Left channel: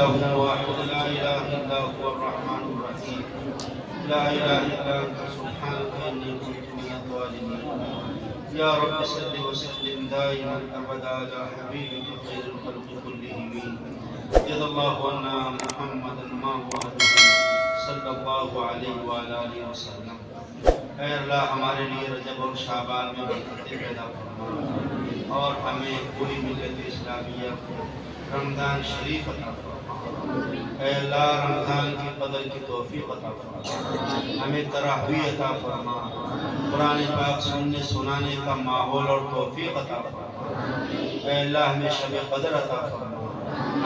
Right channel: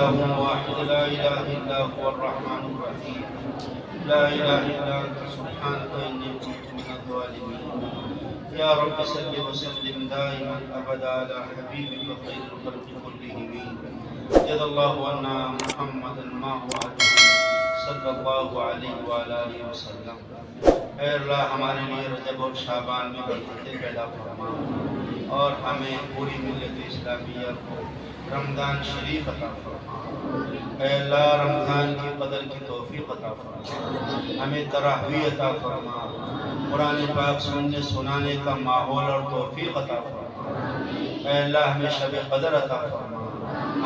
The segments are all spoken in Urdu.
الله واحد لا إله إلا هو الرحمن الرحيم لا إله إلا أنت سبحانك إني كنت من الظالمين يا رب صل وسلم دائما أبدا على حبيبك خير الخلق كلهم جزا الله عنا محمدا ما هو صلی اللہ علیہ وآلہ وسلم۔ اے اللہ ہمارے لیے رجب اور شعبان میں برکتیں پیدا فرما اور ہمیں پوری ملت اسلامیہ کو رمضان شریف عطا فرما۔ اے اللہ رمضان کی قدر کی توفیق عطا فرما، ہمیں تراویح عطا فرما، قرآن پاک سننے سنانے کا ماحول اور توفیق عطا فرما۔ اے اللہ ہمیں شب قدر عطا فرما،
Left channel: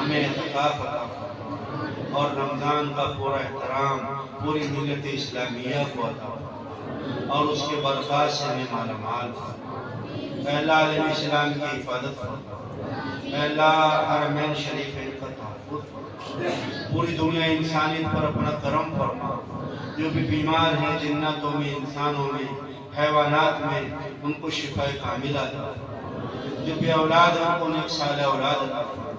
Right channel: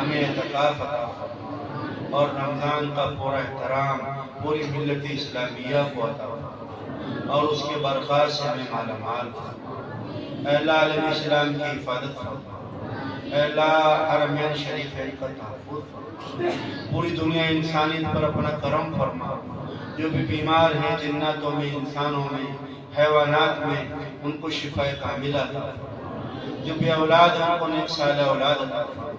ہمیں اعتکاف عطا فرما اور رمضان کا پورا احترام پوری ملت اسلامیہ کو عطا فرما اور اس کے برکات سے ہمیں مالا مال فرما۔ اے اللہ عالم اسلام کی حفاظت فرما، اے اللہ حرمین شریفین کا تحفظ فرما، پوری دنیا انسانیت پر اپنا کرم فرما۔ جو بھی بیمار ہیں جناتوں میں، انسانوں میں، حیوانات میں، ان کو شفا کاملہ عطا فرما۔ جو بے اولاد ہیں ان کو نیک صالح اولاد عطا فرما،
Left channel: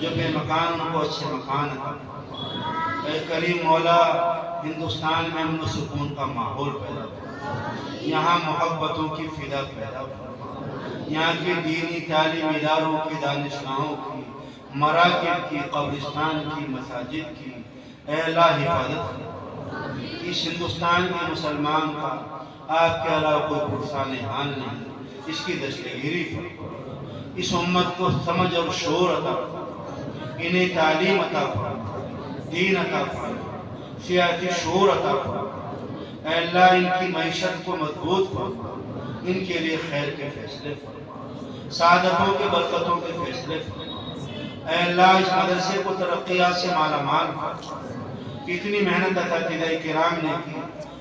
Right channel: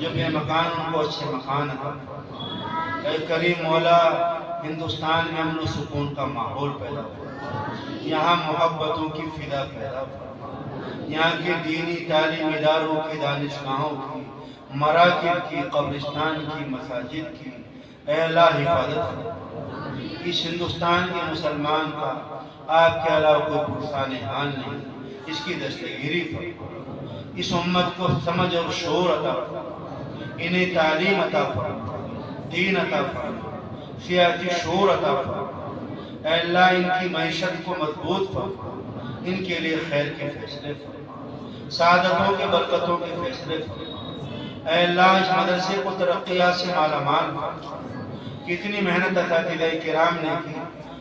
جو بے مکان ان کو اچھے مکان عطا فرما۔ اے کریم مولا ہندوستان میں امن و سکون کا ماحول پیدا فرما، یہاں محبتوں کی فضا پیدا فرما، یہاں کے دینی تعلیم اداروں کی، دانشگاہوں کی، مراکز کی، قبرستان کی، مساجد کی اے اللہ حفاظت فرما۔ اس ہندوستان کے مسلمان کا آپ کے علاوہ کوئی پرسان حال نہیں، اس کی دستگیری فرما، اس امت کو سمجھ اور شعور عطا فرما، انہیں تعلیم عطا فرما، دین عطا فرما، سیاسی شعور عطا فرما۔ اے اللہ ان کی معیشت کو مضبوط فرما، ان کے لیے خیر کے فیصلے فرما، سعادتوں کے برکتوں کے فیصلے فرما۔ اے اللہ اس مدرسے کو ترقیات سے مالا مال فرما۔ کتنی محنت اساتذہ کرام نے کی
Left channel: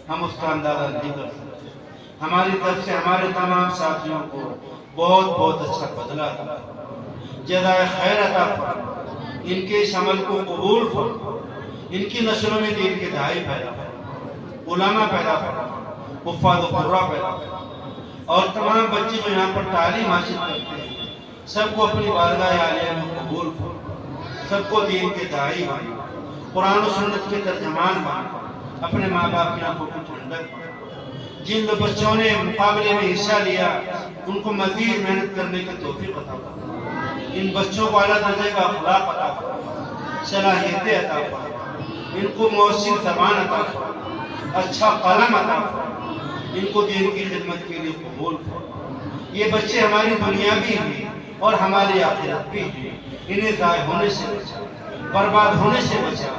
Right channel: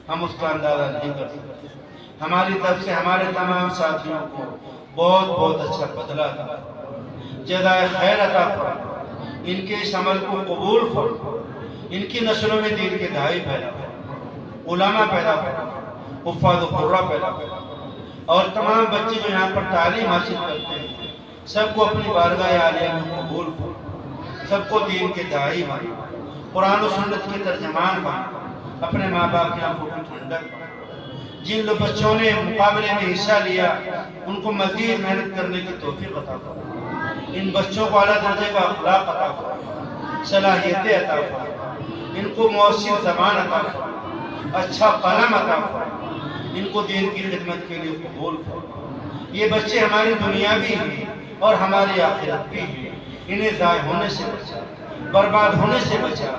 ہم اس کا اندازہ نہیں کر سکتے۔ ہماری طرف سے ہمارے تمام ساتھیوں کو بہت بہت اچھا بدلہ عطا فرما، جزائے خیر عطا فرما، ان کے اس عمل کو قبول فرما، ان کی نسلوں میں دین کے داعی پیدا فرما، علماء پیدا فرما، حفاظ و قراء پیدا فرما، اور تمام بچے جو یہاں پر تعلیم حاصل کرتے ہیں سب کو اپنی بارگاہ عالیہ میں قبول فرما، سب کو دین کے داعی بنا، قرآن و سنت کے ترجمان بنا، اپنے ماں باپ کی آنکھوں کی ٹھنڈک بنا۔ جن لوگ بچوں نے مقابلے میں حصہ لیا ان کو مزید محنت کرنے کی توفیق عطا فرما، ان بچوں کو اعلیٰ درجے کا اخلاق عطا فرما، صلاحیتیں عطا فرما، ان کو مؤثر زبان عطا فرما، اچھا قلم عطا فرما، ان کو دین کی خدمت کے لیے قبول فرما۔ یہ بچے ہماری دنیا بھی ہیں اور ہماری آخرت بھی ہیں، انہیں ضائع ہونے سے بچا، برباد ہونے سے بچا،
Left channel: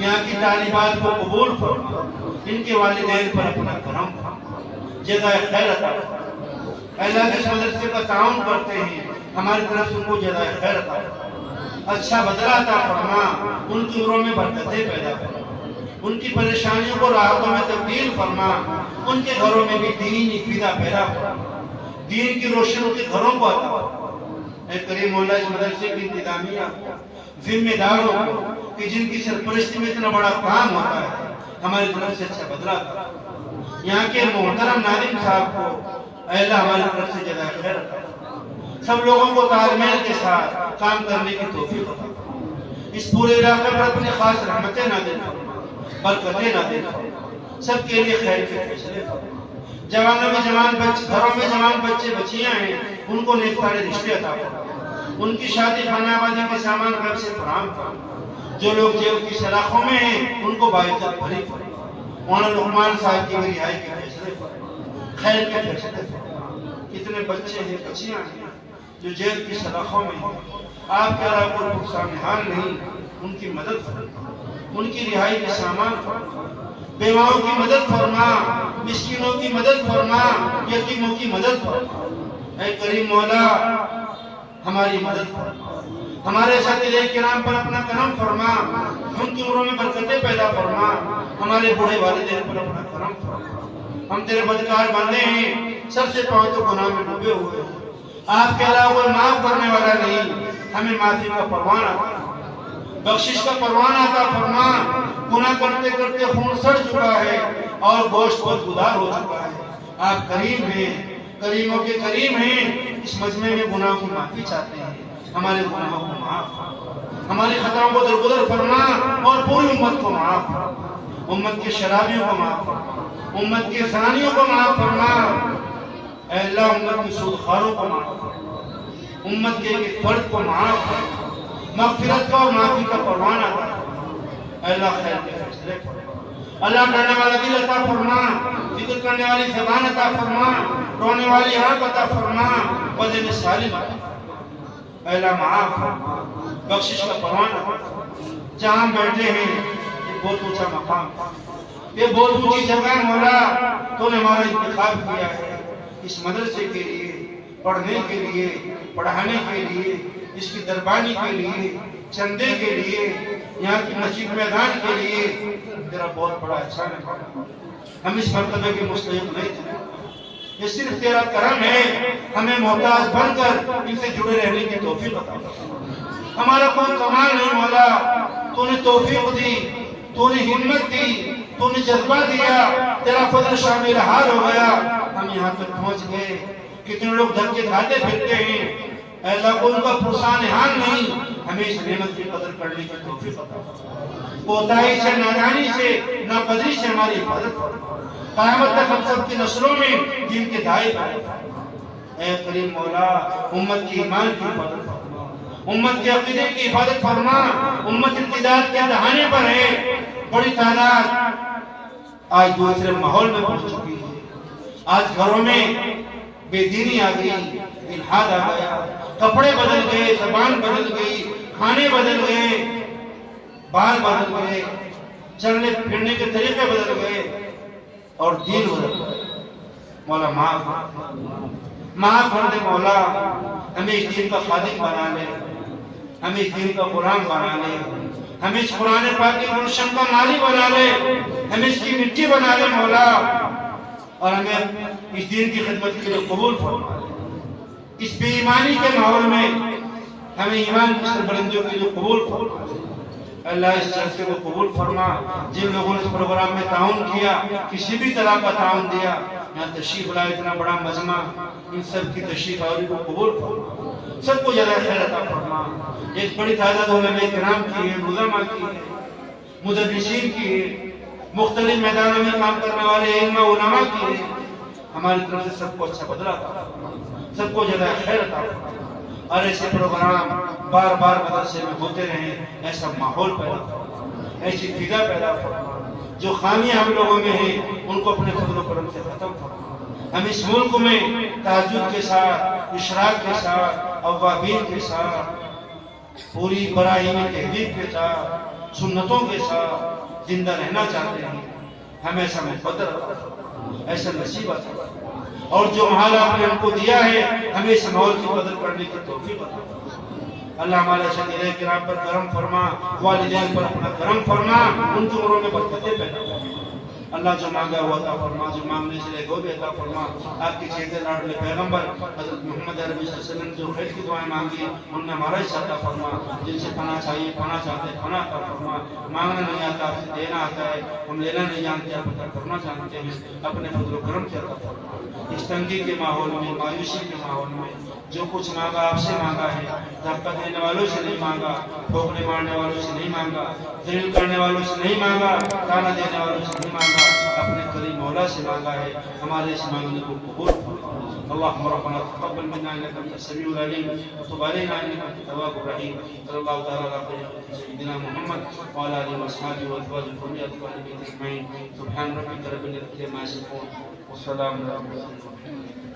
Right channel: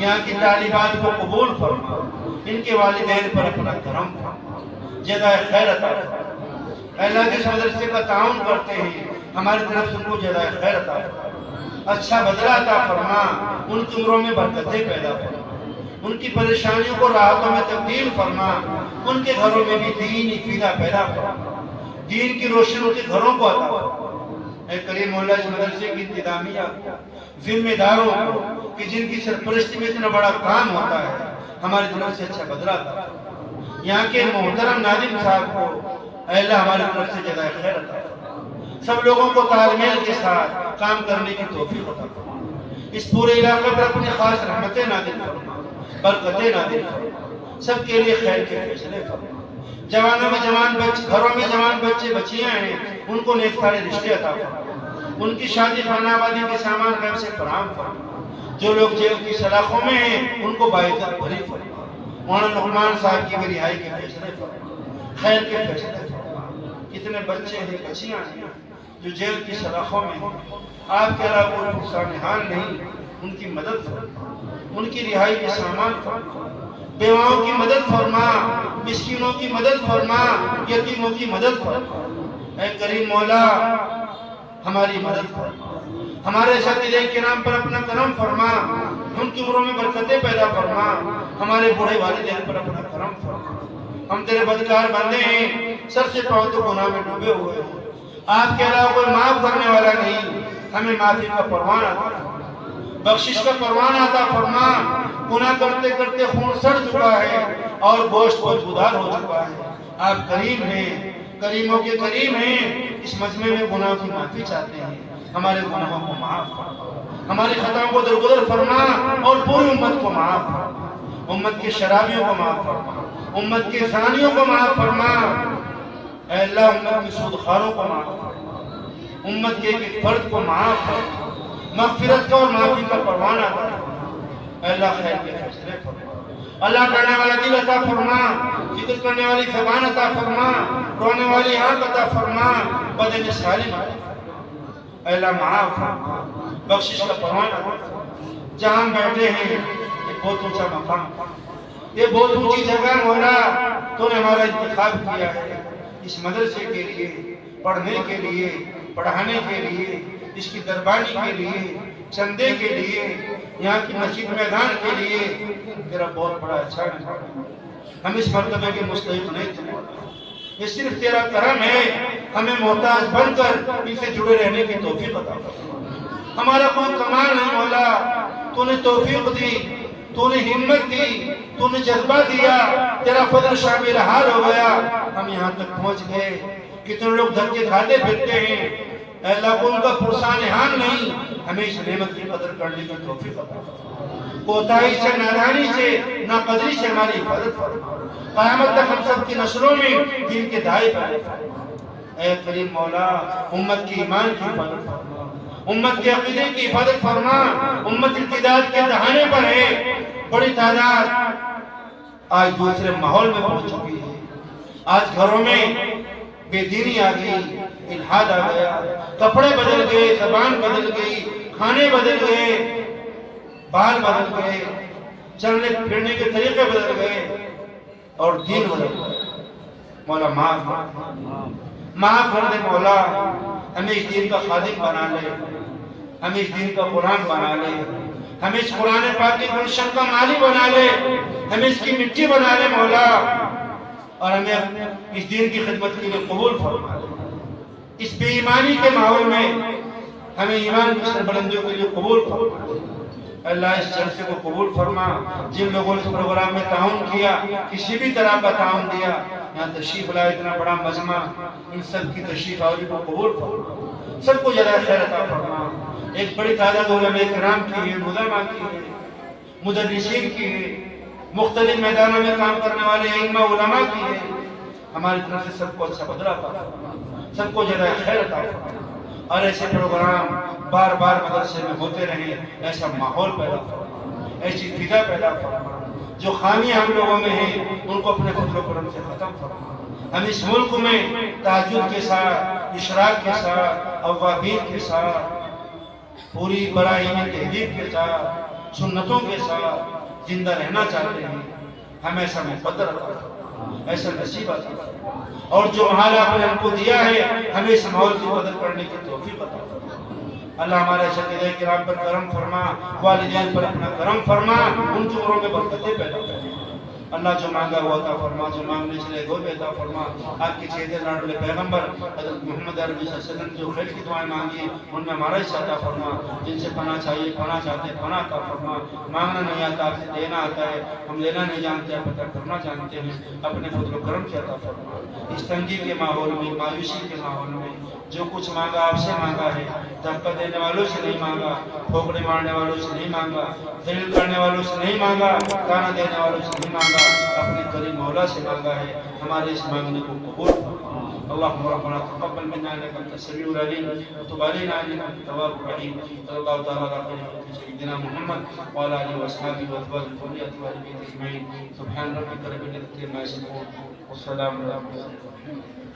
یہاں کی تعلیمات کو قبول فرما، ان کے والدین پر اپنا کرم فرما، جزائے خیر عطا فرما۔ اے اللہ جس مدرسے کا تعاون کرتے ہیں ہماری طرف سے ان کو جزائے خیر عطا فرما، اچھا بدلہ عطا فرما، ان کی عمروں میں برکتیں پیدا فرما، ان کی پریشانیوں کو راحتوں میں تبدیل فرما، ان کے گھروں میں بھی دینی فضا پیدا فرما، دین کی روشنی ان کے گھروں کو عطا فرما۔ اے کریم مولا اس مدرسے کی انتظامیہ ذمہ داروں کو کہ جن کی سرپرستی میں اتنا بڑا کام ہوتا ہے ہماری طرف سے اچھا بدلہ عطا فرما، یہاں کے محترم ناظم صاحب کو اے اللہ ہماری طرف سے جزائے خیر عطا فرما، سب لوگوں کو تالمیل کے ساتھ کام کرنے کی توفیق عطا فرما، اس پورے علاقے پر اپنی خاص رحمتیں نازل فرما، برکتیں نازل فرما، سب کے لیے خیر کے فیصلے فرما۔ جوانوں میں جوان بچے، گھروں میں جوان بچے بچیاں ہیں ان کو نیک سارے رشتے عطا فرما، ان کی شادی خانہ آبادی کے سامان گھر سے فراہم فرما، جو لوگ جیل کی سلاخوں میں ہیں ان کو باعزت بری فرما، مولانا لقمان صاحب کی بھی رہائی کے فیصلے فرما، خیر کے فیصلے فرما۔ کتنے بچے ہیں بچیاں ہیں جو جیل کی سلاخوں میں ہیں، آپ کے علاوہ کوئی پرسان حال نہیں، ان کی مدد فرما، ان کی رہائی کے سامان فرما، بیواؤں کی مدد فرما، مسکینوں کی مدد فرما، یتیموں کی مدد فرما۔ اے کریم مولا ہماری مدد فرما، ہمارے اساتذہ کرام پر اپنا کرم فرما، ان کی عمروں میں برکتیں پیدا فرما، ہمارے بوڑھے والدین پر اپنا کرم فرما۔ ہم تیرے بدکار بندے ہیں، سب سے پہلے تو گناہ میں ڈوبے ہوئے ہیں، آپ کے علاوہ کوئی معاف کرنے والا نہیں، ہمیں معافی کا پروان عطا فرما، بخشش کا پروان عطا فرما۔ گناہ کرتے کرتے خون سڑ چکا ہے اور گوشت بدبودار ہو چکا ہے، آپ کریم ہیں، کریموں کے کریم ہیں، اس مجمع میں گناہوں کی معافی چاہتے ہیں، ہمارے گناہوں کو معاف فرما، ہماری خطاؤں کو درگزر فرما اور پوری امت کو معاف فرما، امت کے شرابیوں کو معاف فرما، امت کے زانیوں کو معاف فرما، اے اللہ امت کے سودخاروں کو معاف فرما، امت کے ایک فرد کو معاف فرما، مغفرت کا اور معافی کا پروانہ عطا فرما، اے اللہ خیر کے فیصلے فرما، اللہ کرنے والا دل عطا فرما، ذکر کرنے والی زبان عطا فرما، رونے والی آنکھ عطا فرما، بدن سالم عطا فرما، اے اللہ معاف فرما، بخشش کا پروانہ عطا فرما۔ جہاں ہم بیٹھے ہیں یہ بہت اونچا مقام، یہ بہت اونچی جگہ ہے مولا، تو نے ہمارا انتخاب کیا ہے اس مدرسے کے لیے، پڑھنے کے لیے، پڑھانے کے لیے، اس کی دربانی کے لیے، چندے کے لیے، یہاں کی مسجد میدان کے لیے۔ تیرا بہت بڑا احسان ہے، ہم اس مرتبے کے مستحق نہیں تھے، یہ صرف تیرا کرم ہے، ہمیں محتاج بن کر ان سے جڑے رہنے کی توفیق عطا فرما۔ ہمارا کوئی کمال نہیں مولا، تو نے توفیق دی، تو نے ہمت دی، تو نے جذبہ دیا، تیرا فضل شامل حال ہو گیا، ہم یہاں تک پہنچ گئے۔ کتنے لوگ دھکے کھاتے پھرتے ہیں، اے اللہ کو ان کا پرسان حال نہیں، ہمیں اس نعمت کی قدر کرنے کی توفیق عطا فرما۔ کوتاہی سے، نادانی سے، ناقدری سے ہماری حفاظت فرما، قیامت تک ہم سب کی نسلوں میں دین کے دائی پیدا فرما۔ اے کریم مولا امت کی ایمان کی حفاظت فرما، امت کے عقیدے کی حفاظت فرما، امت ارتداد کے دہانے پر ہے، بڑی تعداد آج دوسرے ماحول میں پہنچ چکی ہے، آج گھروں میں بے دینی آ گئی، الحاد آ گیا، کپڑے بدل گئے، زبان بدل گئی، کھانے بدل گئے، بال بدل گئے، چلنے پھرنے کے طریقے بدل گئے اور دین بدل گئے۔ مولا معاف کر دے مولا، ہمیں اس دین کا خادم بنا لے، ہمیں اس دین کا قرآن بنا لے، ہمیں اس قرآن پاک کے گلشن کا مالی بنا لے، ہمیں اس کی مٹی بنا لے مولا، اور ہمیں اس دین کی خدمت کے لیے قبول فرما لے۔ اس بے ایمانی کے ماحول میں ہمیں ایمان کی سربلندیوں کے لیے قبول فرما لے۔ اللہ اس جلسے کو قبول فرما، جن لوگوں نے اس پروگرام میں تعاون کیا، کسی بھی طرح کا تعاون دیا، یہاں تشریف لائے اتنا بڑا مجمع، ان سب کی تشریف آوری کو قبول فرما، سب کو جزائے خیر عطا فرما۔ ایک بڑی تعداد علماء کرام کی ہے، علماء کی ہے، مدرسین کی ہے، مختلف میدانوں میں کام کرنے والے ائمہ علماء کی ہے، ہماری طرف سے سب کو اچھا بدلہ عطا فرما، سب کو جزائے خیر عطا فرما، اور ایسے پروگرام بار بار مدرسے میں ہوتے رہیں، ایسا ماحول پیدا فرما، ایسی فضا پیدا فرما، جو خامیاں ہم لوگوں میں ہیں ان کو اپنے فضل و کرم سے ختم فرما۔ ہم اس ملک میں تہجد کے ساتھ، اشراق کے ساتھ، اوابین کے ساتھ، پوری براہیم تہذیب کے ساتھ، سنتوں کے ساتھ زندہ رہنا چاہتے ہیں، ہم ایسا مقدر عطا فرما، ایسا نصیب عطا فرما، اور جو حال آپ نے ہم کو دیا ہے ہمیں اس ماحول کی قدر کرنے کی توفیق عطا فرما۔ اللہ ہمارے اساتذہ کرام پر کرم فرما، والدین پر اپنا کرم فرما، ان کی عمروں میں برکتیں پیدا فرما۔ اللہ جو مانگا وہ عطا فرما، جو مانگنے سے لے وہ بھی عطا فرما۔ آپ کے چہتے لاڈلے پیغمبر حضرت محمد عربی صلی اللہ علیہ وسلم نے جو خیر کی دعائیں مانگی ان میں ہمارا حصہ عطا فرما، جن سے پناہ چاہیے پناہ چاہتے ہیں پناہ عطا فرما۔ مانگنا نہیں آتا آپ سے دینا آتا ہے، ہم لینا نہیں جانتے آپ عطا کرنا جانتے ہیں، اپنے فضل و کرم سے عطا فرما۔ اس تنگی کے ماحول میں، مایوسی کے ماحول میں جو کچھ مانگا آپ سے مانگا ہے، دھکا دینے والوں سے نہیں مانگا، ٹھوکرے مارنے والوں سے نہیں مانگا، ذلیل کرنے والوں سے نہیں مانگا، تانا دینے والوں سے نہیں مانگا، اپنے کریم مولا سے مانگا ہے، ہمارے اس مانگنے کو قبول فرما۔ اللهم ربنا تقبل منا انك انت السميع العليم وتب علينا انك انت التواب الرحيم صلى الله تعالى على سيدنا محمد وعلى اله واصحابه وازواجه وذريته وآل بيته اجمعين سبحان ربك رب العزة عما يصفون والسلام على المرسلين